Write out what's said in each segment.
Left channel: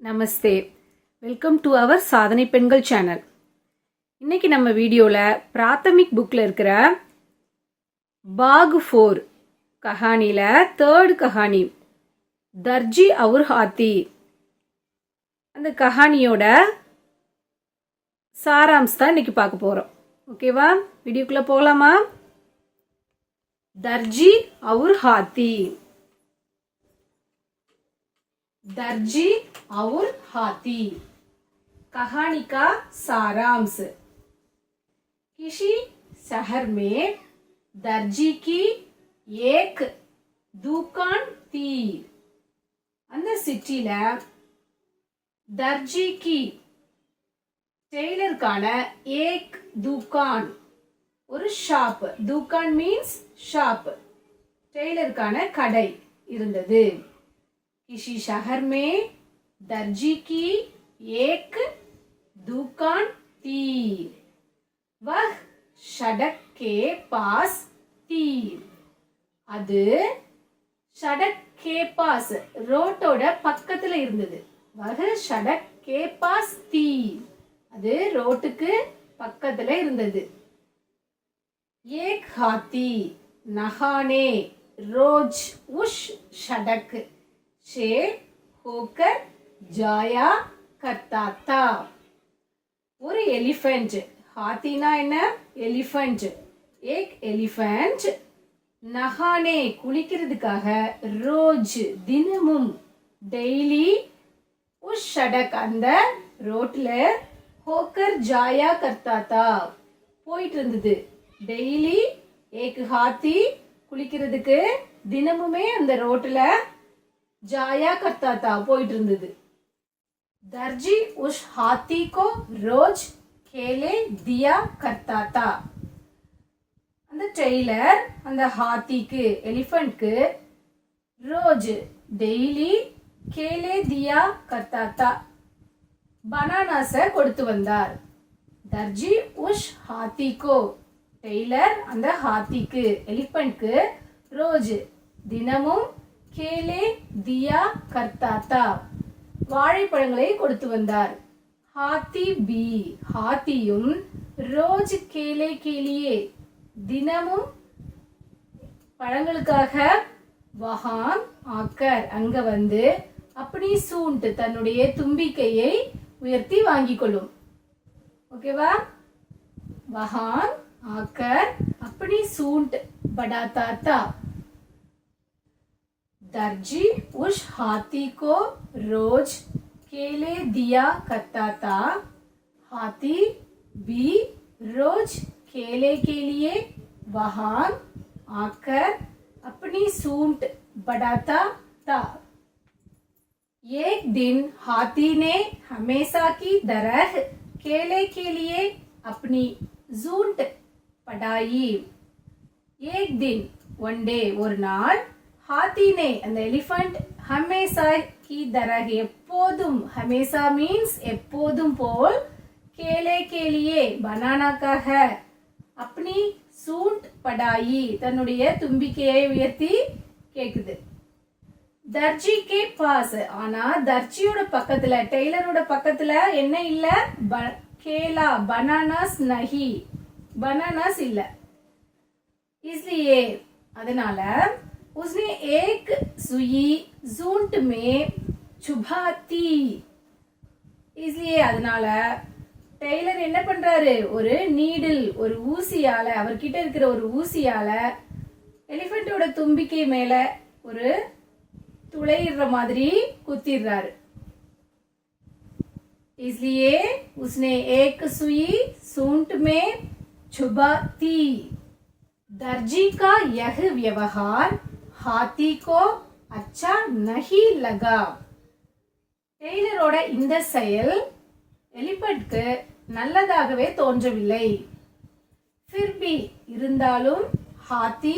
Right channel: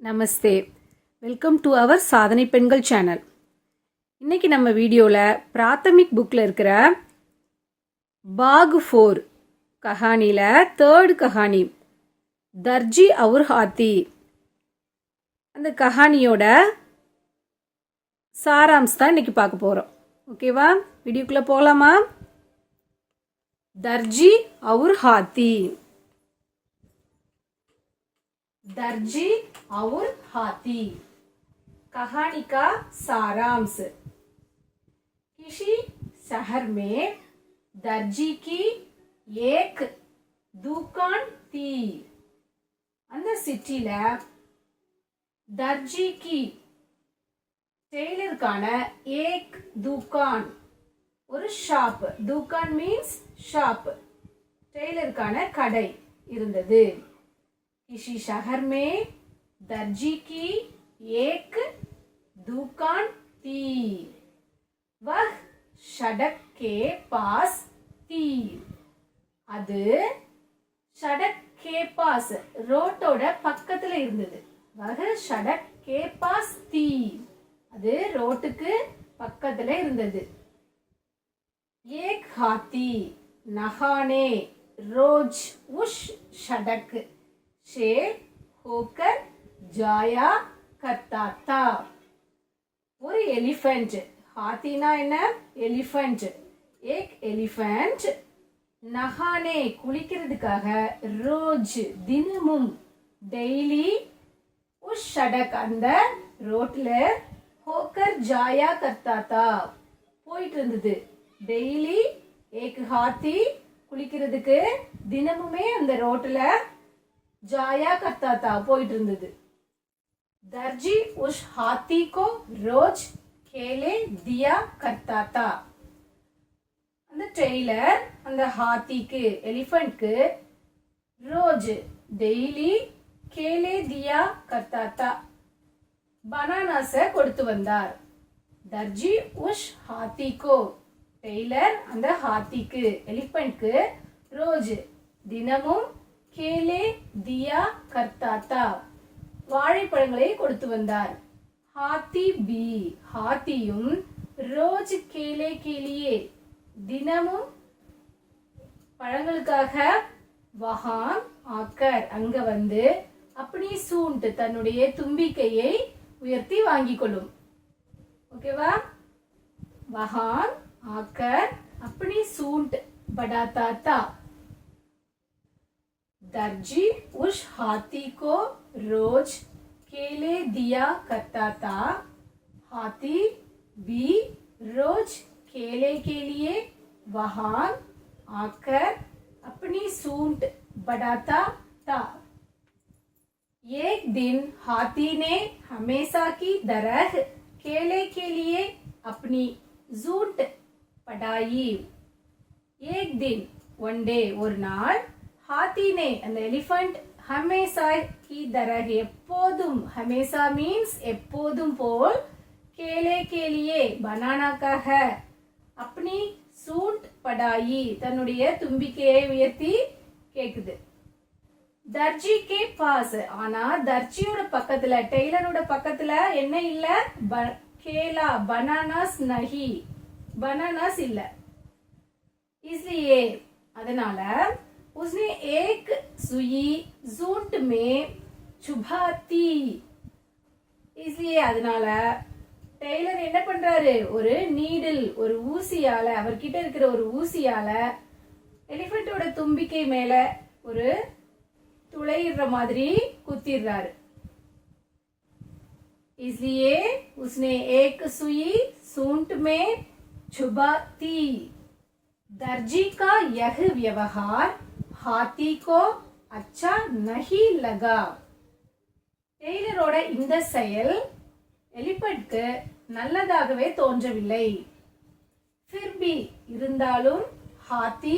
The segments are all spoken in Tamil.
நமஸ்தே, வெல்கம் டு அவர் சாதனை பெண்கள் சேனல். இன்னைக்கு நம்ம வீடியோவில் பிராத்தமிக் புக்கில் இருக்கிற பாக் 4 கஹானியில் 3rd கஹானி தர்ஜி அவுர் ஹாத்தி, அந்த கஹானியோட சாராம்ஸ் தான் இன்னைக்கு பார்க்க போகிறோம். ஓகேவா, வீடியோக்குள்ளே போகலாமா? दर्जी और हाथी. दर्जी और हाथी कहानी का सारांश. किसी शहर में दर्जी की एक दुकान थी. அந்த சிட்டில दर्जी की टेलरக்கான एक दुकान, ஒரு ஷாப். दुकान மீன்ஸ் ஷாப், டெய்லருக்கான கடை இருந்தது. किसी शहर में दर्जी की एक दुकान थी. वह सड़क के पास थी. அது சடக் கே பாஸ், ரோட்டோட பக்கத்துல இருந்தது. वह सड़क के पास थी. அது ரோட்டுக்கு பக்கத்துல இருந்தது. एक हाथी नहाने रोज उस सड़क से होकर जाया करता था. ஒரு எலிஃபென்ட், ஹாத்தினா என்ன? எலிஃபென்ட். एक எலிஃபென்ட் நஹானே குளிக்கிறதுக்காக, ரோஜ் தினமும், டெய்லி, உஸ் சடக் அந்த ரோட்ல, ஹோக்கர் ஜாயா கர்த்தா தா போயிட்டு இருந்தது. டெய்லி एक हाथी குளிக்கிறதுக்கு தினமுமே அந்த ரோட்ல ஜாயா கர்த்தா தா போயிட்டு இருந்தது. दर्जी उस हाथी को रोज खेले दिया करता था. அந்த டெய்லர் அந்த ஹாத்திக்கு, எலிஃபென்ட்க்கு, ரோஜ் டெய்லி, கேலே தியா கர்த்தா தா பனானாஸ கொடுத்து வந்தார். दर्जी उस हाथी को, டெய்லர் அந்த ஹாத்திக்கு, எலிஃபென்ட்க்கு, ரோஜ் தினமும், கேலே தியா கர்த்தா தா வாழைப்பழங்களை கொடுத்து வந்தார். ஹாத்தி பி, ஹாத்தியும், ரோஜ் கேலே கேலியே தினமும் பழங்களுக்காக, வஹான் ஆக்கர் அங்க வந்து, அப்படி சூண்ட் தன்னுடைய தும்பிக்கையை உயர்த்தி வாங்கிக் கொள்ளும். ஓகேவா? வஹான் आकर अपनी सूंट बढ़ाता था. दर्जी उस हाथी को रोज केले दिया करता था. हाथी भी रोज केले के लिए वहां आकर अपनी सूंट बढ़ाता था. एक दिन हाथी ने हमेशा की तरह केले के लिए अपनी सूंट पढ़ाई. एक दिन, वन डे, ஒரு நாள், हाथी ने அந்த எலிஃபென்ட், हमेशा की तरह எப்போதும், हमेशा மீன்ஸ் எப்போதும் போல், केले के लिए பனானாக்காக, अपनी सूंट पढ़ाई தன்னுடைய தும்பிக்கையை உயர்த்தி கேக்குது. दर्जी के पास, ஆனா தர்ஜியோட பக்கத்துல, டெய்லரோட பக்கத்துல என்ன இல்ல? கேலா, பனானாஸ் நஹி, बनानास இல்ல. इसलिए அதனால उसने एक सुई जूंट में चुभाती. इसलिए அதனால டெய்லர் என்ன பண்றாரு? ஒரு நீடில், ஒரு ஊசியால, அவர்கிட்ட இருக்கிற ஒரு ஊசியால எலிஃபென்ட்டோட தும்பிக்கை மேல ஒரு துளையிடுற மாதிரி குத்திடுறாரு. इसलिए उसने एक सुई सूंट में छुपाती. दर्जी का यह व्यवहार हाथी को अच्छा नहीं लगा. டெய்லரோட இந்த செயல் எலிஃபென்ட்க்கு நல்லதாகவே தோன்றவில்லை. फिर भी இருந்தாலும், हाथी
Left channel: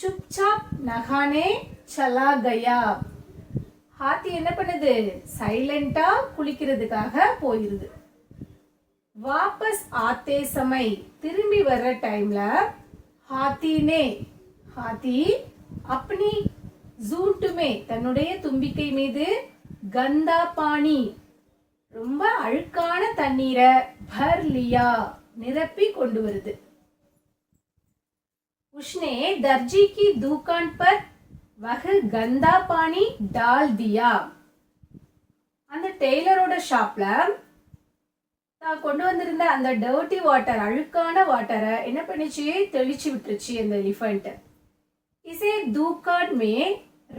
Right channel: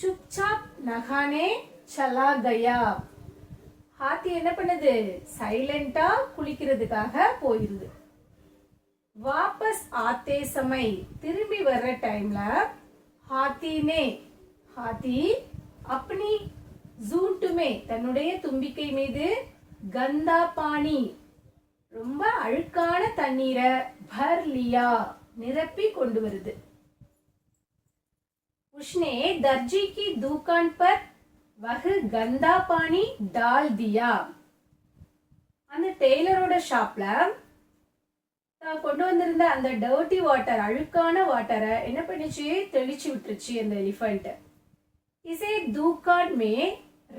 चुपचाप नहाने चला गया. ஹாத்தி என்ன பண்ணுது? சைலண்டா குளிக்கிறதுக்காக போயிருது. வாபஸ் ஆத்தே சமை, திரும்பி வர்ற டைம்ல, हाथी अपनी जूट में தன்னுடைய தும்பிக்கை மீது கந்தா பானி ரொம்ப அழுக்கான தண்ணீரை பர் லியா நிரப்பி கொண்டு வருது. உஷ்னே தர்ஜி கி दुकान पर वह गंदा पानी डाल दिया. அந்த டெய்லரோட ஷாப்ல தான் கொண்டு வந்திருந்த அந்த டர்ட்டி வாட்டர், அழுக்கான வாட்டரை என்ன பண்ணிச்சு, தெளிச்சு விட்டுருச்சு அந்த எலிஃபண்ட். இசே दुकान में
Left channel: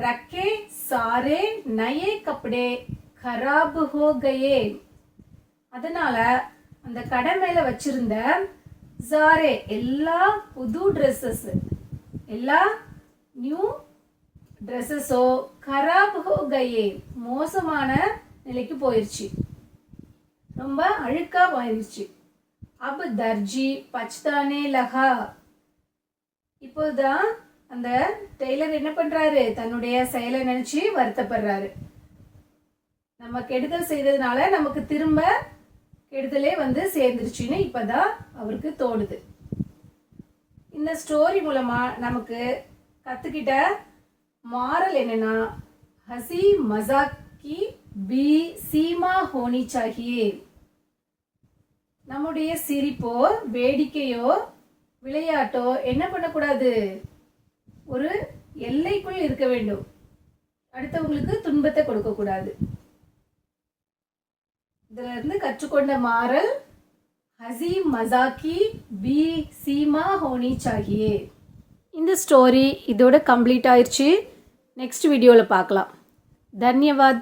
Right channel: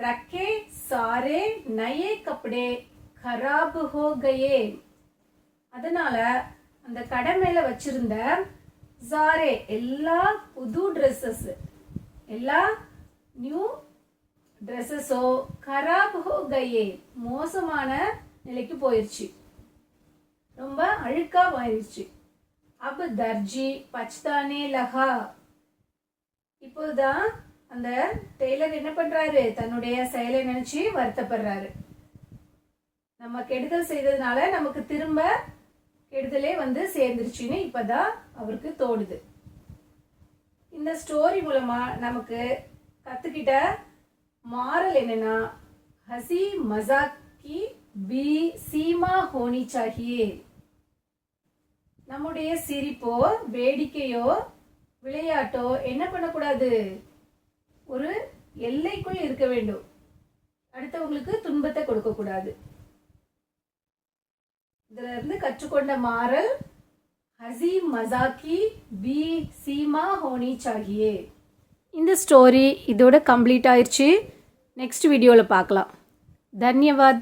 रखे सारे नए कपड़े खराब हो गए. அதனால அந்த கடை மேல வச்சிருந்த சாரே எல்லா புது ட்ரெஸ்ஸஸ், எல்லா நியூ ட்ரெஸ்ஸஸோ खराब हो गए மோசமான நிலைக்கு போயிருச்சு, ரொம்ப அழுக்கா போயிருச்சு. அப் தர்ஜி பச்தானே லகா. இப்போதான் அந்த டெய்லர் என்ன பண்றாரு, தன்னுடைய செயலை நினைச்சு வருத்தப்படுறாரு. நம்ம கெடுதல் செய்ததுனால நமக்கு திரும்ப கெடுதலே வந்து சேர்ந்துருச்சுன்னு இப்பதான் அவருக்கு தோணுது. இந்த ஸ்டோரி மூலமா நமக்கு கத்துக்கிட்ட மாரல் என்னன்னா, ஹசி மசாக் की भी सीमा होनी चाहिए. நம்முடைய சிரிப்போ வேடிக்கையோ விளையாட்டோ என்ன பண்ணக்கூடாது, ஒரு எல்லைக்குள் இருக்க வேண்டும். அடுத்தவங்களுக்கு துன்பத்தை கொடுக்க கூடாது. இதுல இருந்து கற்றுக்கொண்ட மாரல் ஹசி மசாக்கி பி சீமா ஹோனி சாகியே. இந்த ஸ்டோரி இதோட கம்ப்ளீட் ஆயிடுச்சு. நெக்ஸ்ட் வீடியோவில் பார்க்கலாம். धन्यवाद.